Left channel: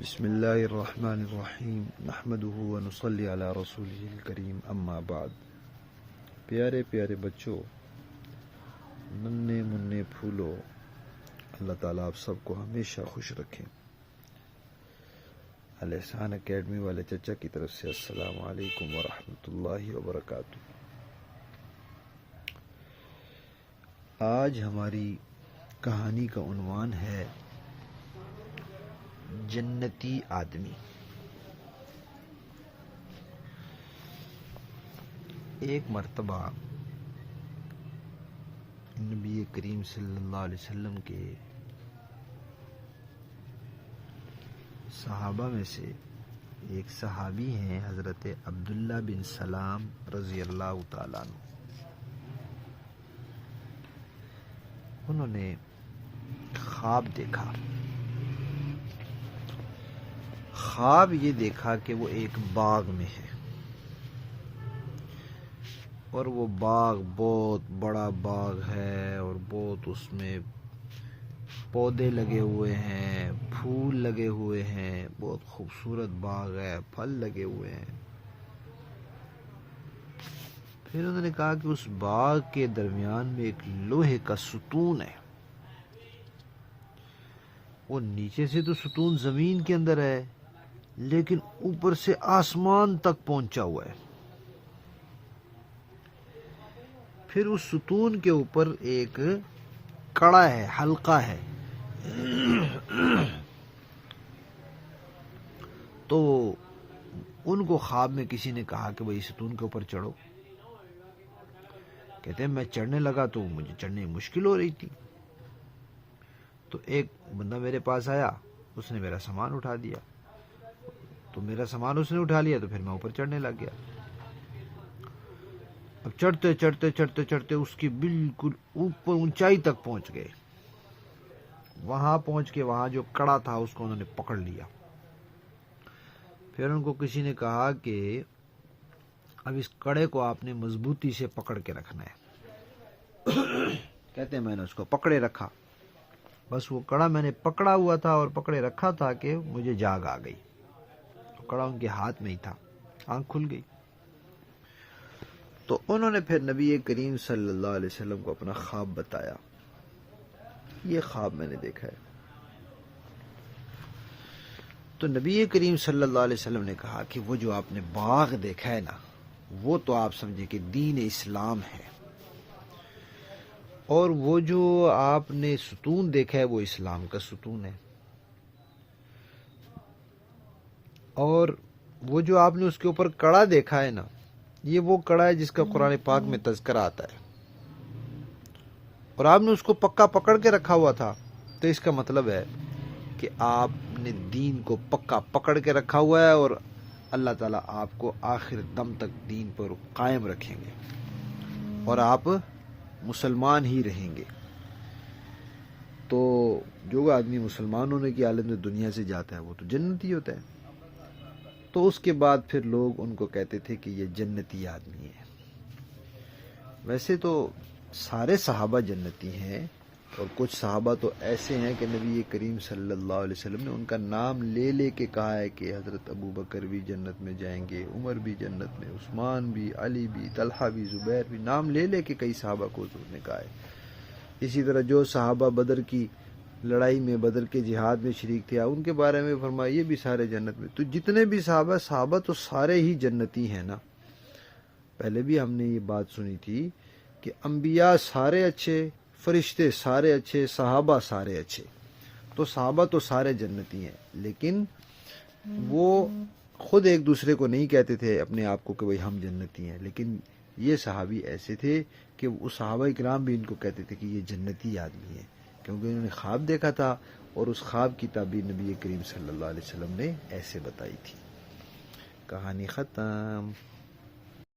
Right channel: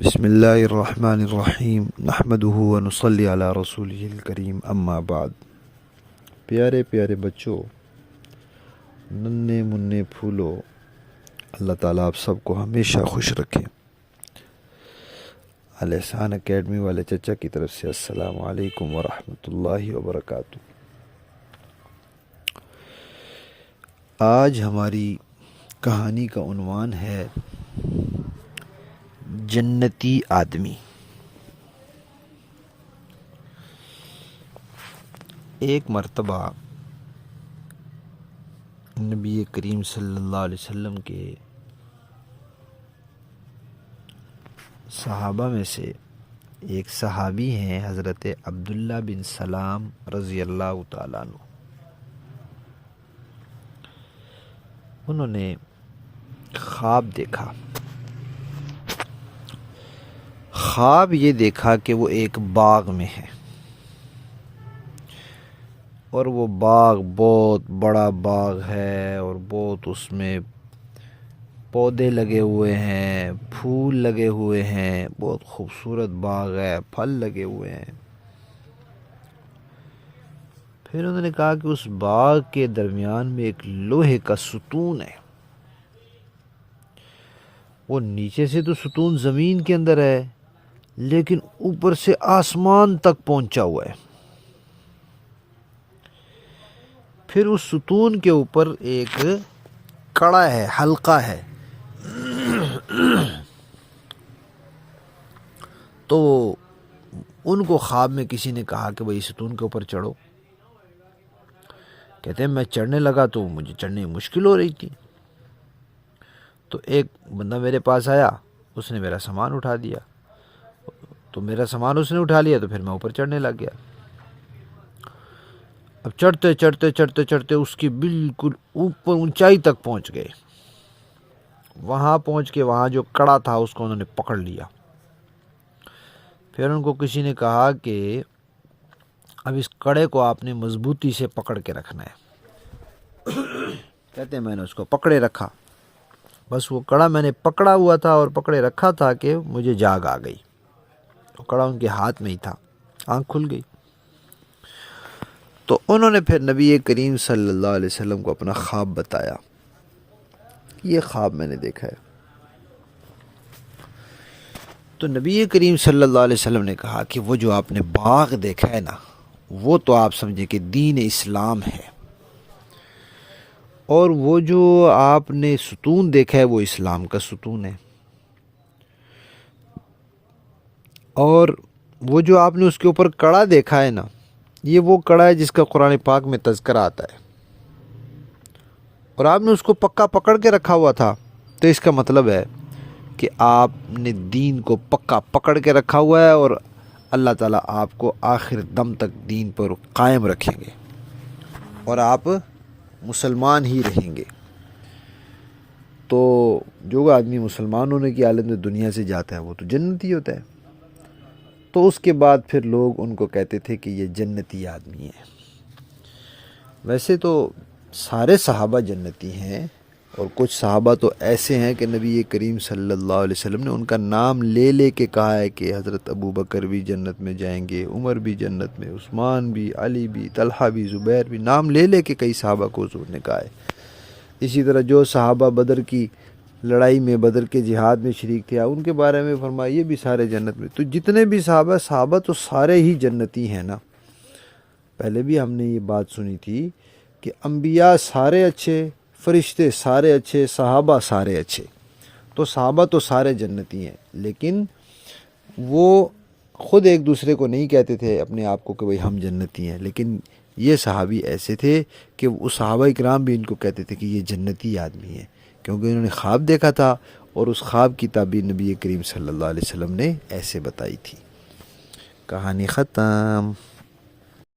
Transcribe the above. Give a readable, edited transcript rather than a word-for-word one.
بسم اللہ الرحمن الرحیم نحمدہ ونصلی علی رسولہ الکریم اما بعد۔ پیارے پیارے بچوں، ننھے منھے پھولو، اللہ تعالیٰ آپ سب کو ہمیشہ خوش رکھے۔ الاحسان اکیڈمی والے چچا کی طرف سے السلام علیکم ورحمۃ اللہ وبرکاتہ۔ آج ہماری کہانی کا عنوان ہے جنتی آدمی۔ ایک مرتبہ نبی کریم صلی اللہ علیہ وسلم کے صحابہ میں سے ایک صحابی ہیں حضرت عبداللہ بن سلام رضی اللہ تعالیٰ عنہ۔ انہوں نے خواب دیکھا۔ خواب یہ دیکھا کہ وہ ایک باغ میں ہے اور وہ باغ بہت بڑا باغ ہے اور بہت اس میں پودے لگے ہوئے ہیں، پھول لگے ہوئے ہیں، بہت خوبصورت باغ ہے، پھل لگے ہوئے ہیں۔ پھر انہوں نے کہا کہ اس باغ کے درمیان میں ایک لوہے کا ستون ہے۔ وہ نیچے سے تو ستون زمین کے اندر ہے لیکن اوپر سے آسمان تک پہنچا ہوا ہے۔ پھر اس ستون کے اوپر ایک کڑا ہے، حلقہ ہے۔ تو ان کو خواب میں کسی نے کہا کہ بھئی ستون کے اوپر چڑھو۔ کہتے ہیں میں چڑھنے لگا تو مجھے چڑھنے میں مشکل ہو رہی تھی۔ تو ایک بندہ میرے پاس آیا، اس نے میرا سامان اٹھا دیا۔ تو میرا سامان اس نے اٹھا لیا تو پھر میں اوپر چڑھنے لگ گیا۔ اب چڑھتے چڑھتے چڑھتے چڑھتے اس کی بالکل اوپر اونچائی تک پہنچ گئے۔ وہاں پہنچ کے وہاں جو کڑا تھا اس کو انہوں نے پکڑ لیا۔ پھر ان کو کسی نے کہا کہ اب اس کڑے کو آپ نے مضبوطی سے پکڑ کے رکھنا ہے۔ کہتے ہیں میں نے اس کو پکڑے رکھا۔ بس وہ کڑا میں نے پکڑا ہوا تھا اور پکڑے رکھا تھا کہ مجھے جاگ آ گئی۔ کڑا ان کے ہاتھ میں ہی تھا، آنکھ کھل گئی۔ تو انہوں نے پھر نبی کریم صلی اللہ علیہ وسلم کو اپنا خواب بتایا، یہ خواب میں نے دیکھا ہے۔ تو نبی کریم صلی اللہ علیہ وسلم نے کہا کہ وہ جو آپ نے باغ دیکھا ہے نا، وہ تو آپ سمجھیں کہ دین اسلام ہے، اور وہ جو آپ نے ستون دیکھا ہے وہ اسلام کا ستون ہے، اور وہ جو آپ نے اس کے اوپر کڑا دیکھا ہے نا، یہ وہ کڑا ہے جس کا قرآن پاک میں تذکرہ آتا ہے، اور آپ نے اس کو پکا پکڑ کے رکھا ہوا تھا۔ تو اس کا مطلب ہے کہ آپ نے دین کو پکا پکڑ کے رکھا ہوا ہے اور اللہ تعالیٰ آپ کو آخر دم تک دین پر قائم رکھیں گے اور آپ مسلمان ہی رہیں گے۔ تو جو آدمی مسلمان ہونے کی حالت میں دنیا سے جاتا ہے وہ تو جنتی ہوتا ہے۔ تو اس کے بعد پھر لوگ ان کو کہتے تھے کہ یہ جنتی آدمی ہے۔ ویسے تو سارے صحابہ جنتی ہیں، اور کچھ صحابہ تو ایسے ہیں کہ نبی کریم صلی اللہ علیہ وسلم نے ان کا نام لے لے کے کہا ہے کہ حضرت ابو بکر بھی جنت میں جائیں گے، عمر بھی جنت میں، عثمان بھی، علی بھی، طلحہ بھی، زبیر بھی، نام لے لے کے کئی صحابہ کو حضور نے کہا ہے۔ اسی طرح جو صحابہ بدر کی لڑائی میں، بدر کے جہاد میں شریک تھے، ان کے بارے میں فرمایا یہ بھی سارے جنت میں۔ تو جتنے بھی صحابہ تو سارے ہی جنتی ہیں نا۔ پہلے بھی ہم نے یہ بات سنی تھی کہ انبیاء سارے اچھے، فرشتے سارے اچھے، صحابہ سارے اچھے۔ تو صحابہ تو سارے جنتی ہیں، لیکن وہ خود ایک دوسرے کو نہیں کہتے تھے اپنے آپ کو کہ بھئی ہم جنتی ہیں، لیکن یہ صحابی ایسے تھے کہ اس صحابہ کرام بھی ان کو کہتے تھے کہ یہ جنتی آدمی ہیں، کیونکہ انہوں نے خواب دیکھا تھا اور اس خواب کی تعبیر نبی کریم صلی اللہ علیہ وسلم نے ایسے بتائی تھی۔ کہانی ختم۔